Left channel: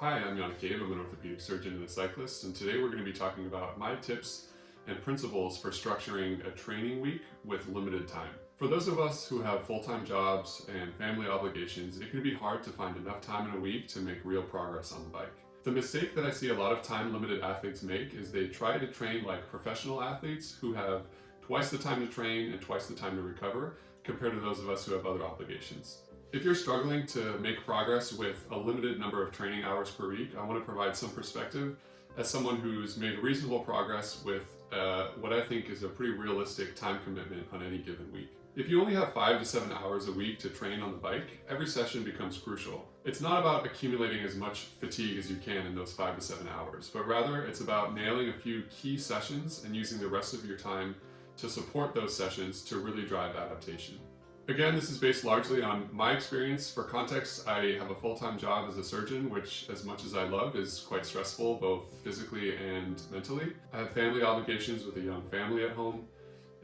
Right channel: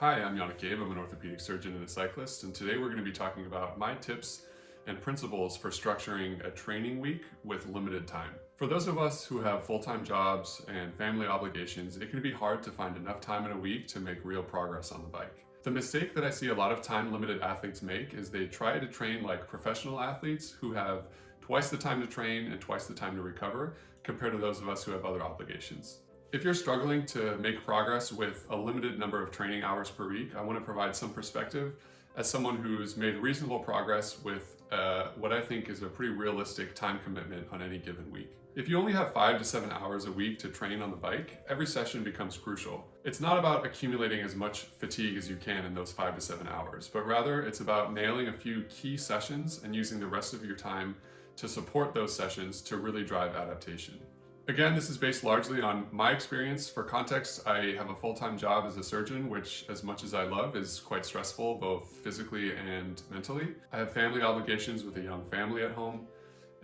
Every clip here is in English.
Hi, I'm Yannick Goeb. I'm an orthopedic surgeon and a cyclist, and today we're going to be talking about my tips and principles for structuring a training week with limited time. For those of us who have full-time jobs and family obligations, it can be hard to find enough time in a week to make real progress on the bike. The mistake that I see a lot of time-limited athletes make is they try to train like professional athletes who have twice the time to train and twice the time to recover compared to those of us who have other obligations. If you're struggling to make progress with a limited number of training hours per week, I want to provide some perspective as someone who's made reasonable progress with what I think is a pretty realistic time commitment on any given week. If you only have 5 to 7 hours a week to train on the bike, every session becomes crucial. It's not about accumulating as much fatigue as you can in those 5 to 7 hours, but rather it's about nailing a few key sessions and using the rest of your time to support those sessions to really drive adaptation. Again, this is based largely on my experience. For context, I have a full-time job as a surgeon, which, as much as I love, is quite stressful, both physically and mentally. I have family obligations with a young family at home.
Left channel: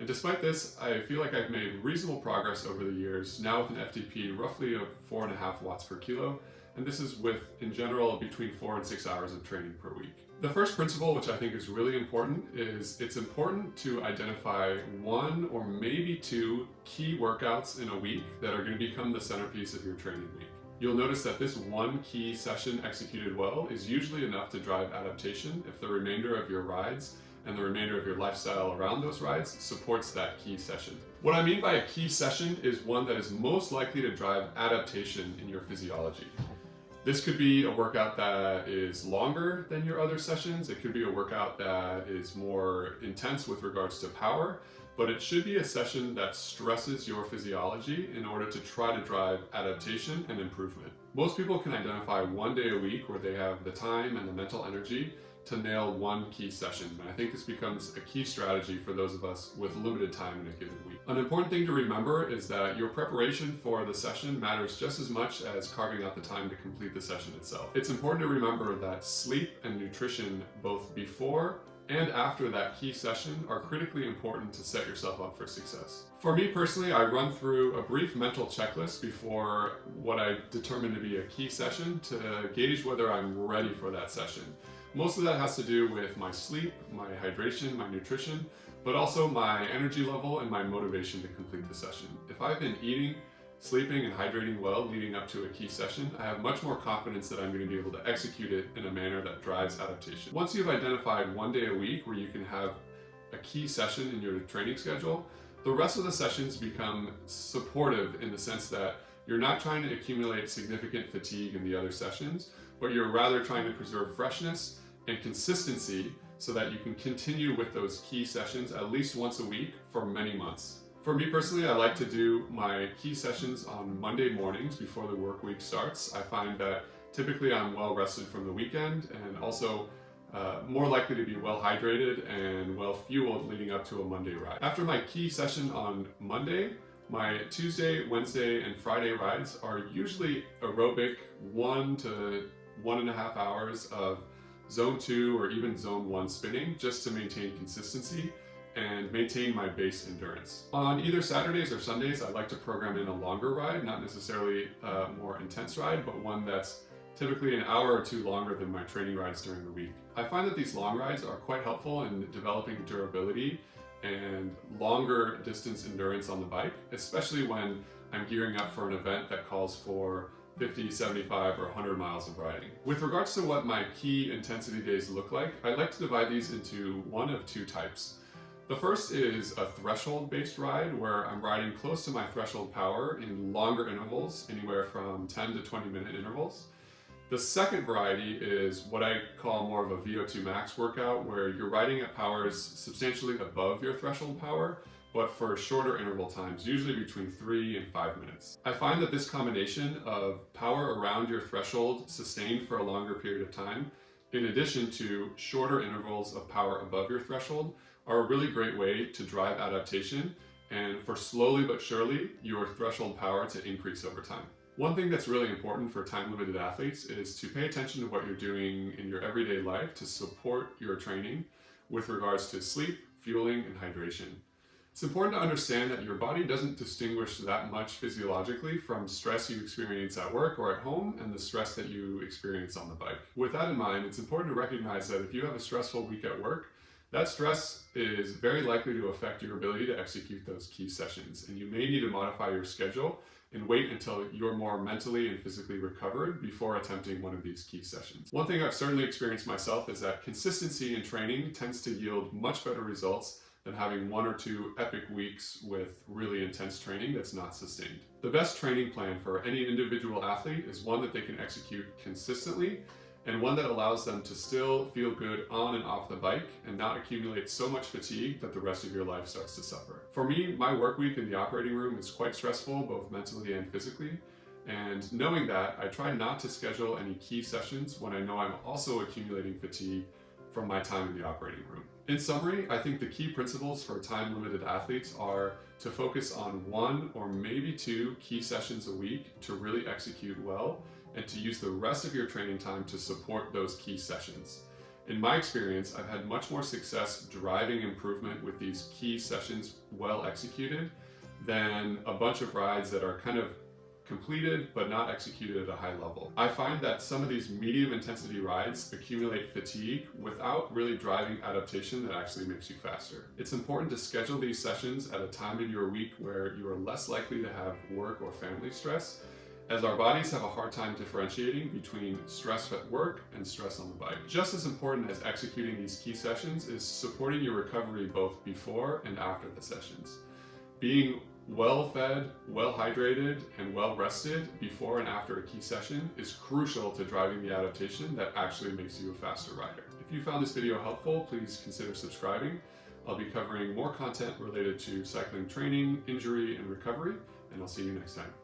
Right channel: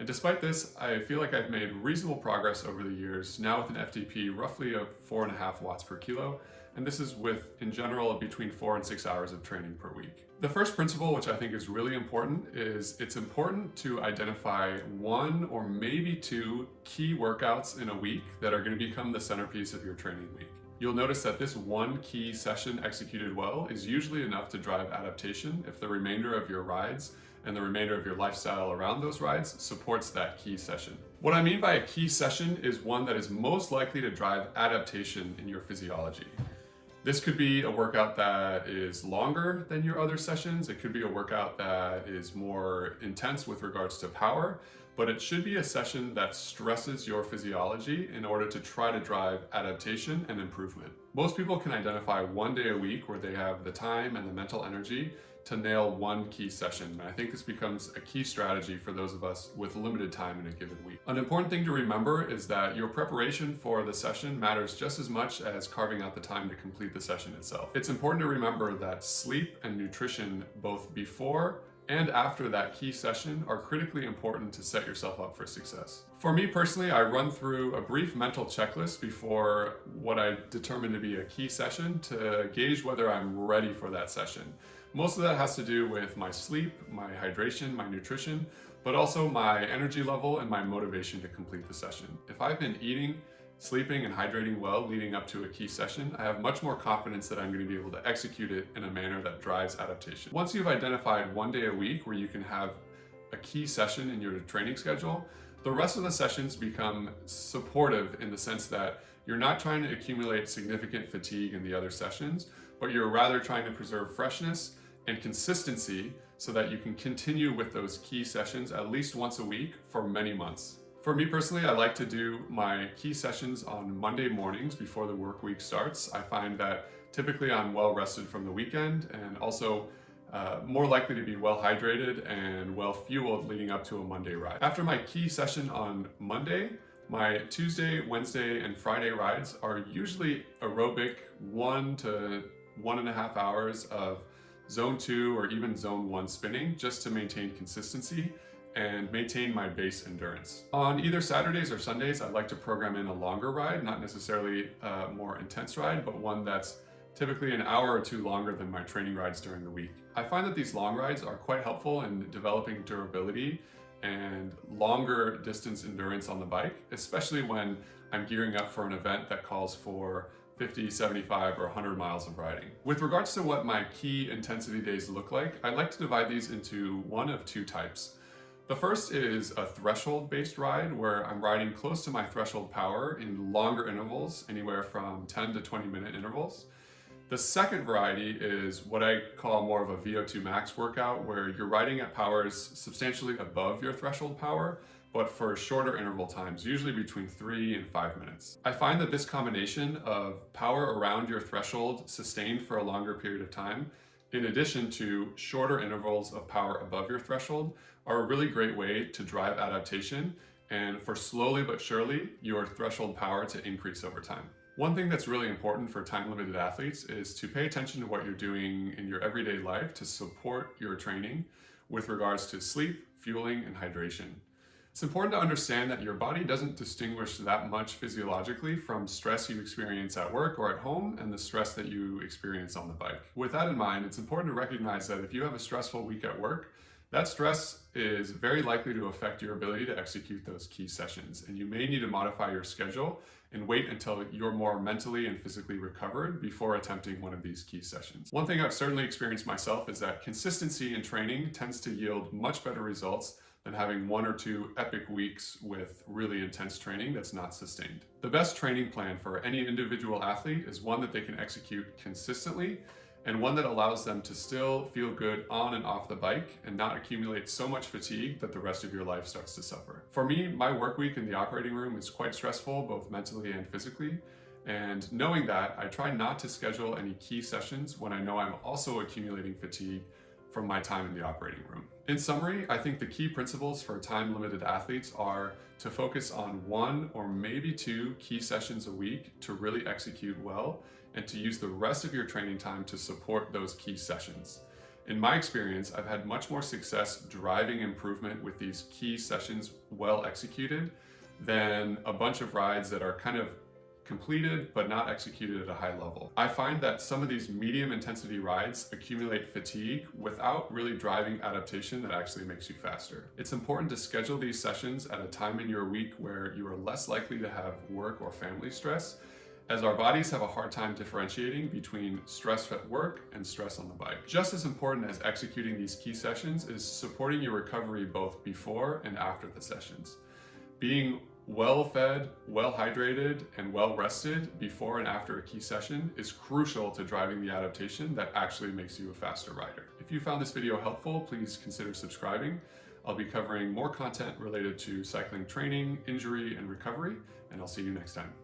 And despite this, I feel like I've made reasonable progress over the years, now with an FTP roughly of 4.5 watts per kilo. And this is with, in general, between 4 and 6 hours of training per week. The first principle, which I think is really important, is it's important to identify 1 or maybe 2 key workouts in a week that are going to become the centerpiece of your training week. You'll notice that this one key session executed well is usually enough to drive adaptation if the remainder of your rides and the remainder of your lifestyle around those rides supports that key session. What I mean by a key session is one that is most likely to drive adaptation in your physiology. This could be a workout that is longer than your other sessions. It could be a workout that is more intense with regards to power, but it should be a session that stresses your physiology in order to try to drive adaptation and improvement. Most people can identify 1 day a week where they have the time and the mental energy to nail one key session. And I think this becomes a key strategy for those of us with limited time in a given week. An important thing to remember is that your preparation for the session matters just as much as carving out the time to complete the session itself. It's important to remember that sleep and nutrition, both before and after that key session, are critically important to set yourself up for success. For me personally, I run through a brief mental checklist before what I determine to be a key session to gauge whether I'm ready for that session. Most of that has to do with my sleep, my hydration, my nutrition, but also my energy level and my motivation to complete the session. If I've been eating, sleeping, and hydrating well leading up to a key session, I have much more confidence that I'm going to be able to execute it in a manner that drives adaptation. Once you've identified 1 day a week where you can have a key session in your training schedule, the rest of the sessions become supportive in the sense that you're not trying to accumulate significant fatigue in the other sessions, but you're rather trying to preserve freshness and consistency so that you can continue with those key sessions at least once a week for many months. For me personally, I like to do my key sessions on Monday mornings before the work week starts. I find that typically I'm well rested from the weekend and also more likely to be well hydrated and well fueled leading up to a Monday ride. After my key session on Monday, my Tuesday, Wednesday, and Friday rides are usually aerobic 1 to 1.5 hours of zone 2 or even zone 1 spinning just to maintain consistency and maintain my base endurance. On either Saturdays or Sundays, I like to program in a longer ride, not necessarily a more intense ride, but one that's typically an hour or 2 longer than my training rides during the week. I find that these long rides are quite helpful in developing durability and longer distance endurance on the bike, especially when I'm gearing up for an event that calls for 50, 75, or 100 miles of riding. With regards to what my key intensity days look like, I like to divide these into one of 2 types. The first is a threshold-based ride where I'm riding close to my threshold power in longer intervals, anywhere from 10 to 20-minute intervals. The second variety is what I call more of a VO2 max workout, where you're riding at powers substantially above your threshold power, but for shorter interval times, usually between 3 and 5 minutes. I find that this combination of power around your threshold sustained for a longer period of time, in addition to shorter intervals of power above your threshold, are a really great way to drive adaptation and for slowly but surely your threshold power to increase over time. One thing that's really important for time-limited athletes is to pay attention to what you're doing in your everyday life to support your training with regards to sleep, fueling, and hydration. It's important to understand that your body doesn't distinguish that much physiologically from stress you experience at work or at home and the stress that you experience on the bike. With that in mind, it's important to recognize that if you have a stressful week at work, that stress is very likely to affect your ability to execute those key sessions, and you may need to modify your schedule and wait until you're more mentally and physically recovered before attempting one of these key sessions. One thing I've certainly experienced myself is that consistency in training tends to yield much better results than having 1 or 2 epic weeks with really intense training that's not sustained. The best training plan for any individual athlete is one that they can execute consistently and one that allows them to still feel good on and off the bike and not accumulate so much fatigue that the rest of your life starts to suffer. For me, my work week in the operating room is quite stressful, both mentally and physically. And knowing that, I try not to schedule any key sessions when I know I'm also accumulating fatigue from my time in the operating room. In summary, I think the key principles for time-limited athletes are to focus on 1 or maybe 2 key sessions a week to really execute well, and to use the rest of your training time to support those key sessions. In my experience, I've had much more success driving improvement with these key sessions well executed than a bunch of rides that are kind of completed but not executed at a high level. I find that some of these medium intensity rides accumulate fatigue without really driving adaptation that actually makes you faster. It's important to schedule these sessions at a time in your week where you are less likely to have work or family stress, as our bodies have a hard time differentiating between stress at work and stress on the bike. Just as important as executing these key sessions is supporting your recovery both before and after the sessions. Being well fed, well hydrated, and well rested before and after a key session is crucial to driving the adaptation that actually makes you a faster rider. If you found this video helpful, please consider subscribing. I'll be covering more content related to cycling training, injury, and recovery, and I'll see you next time.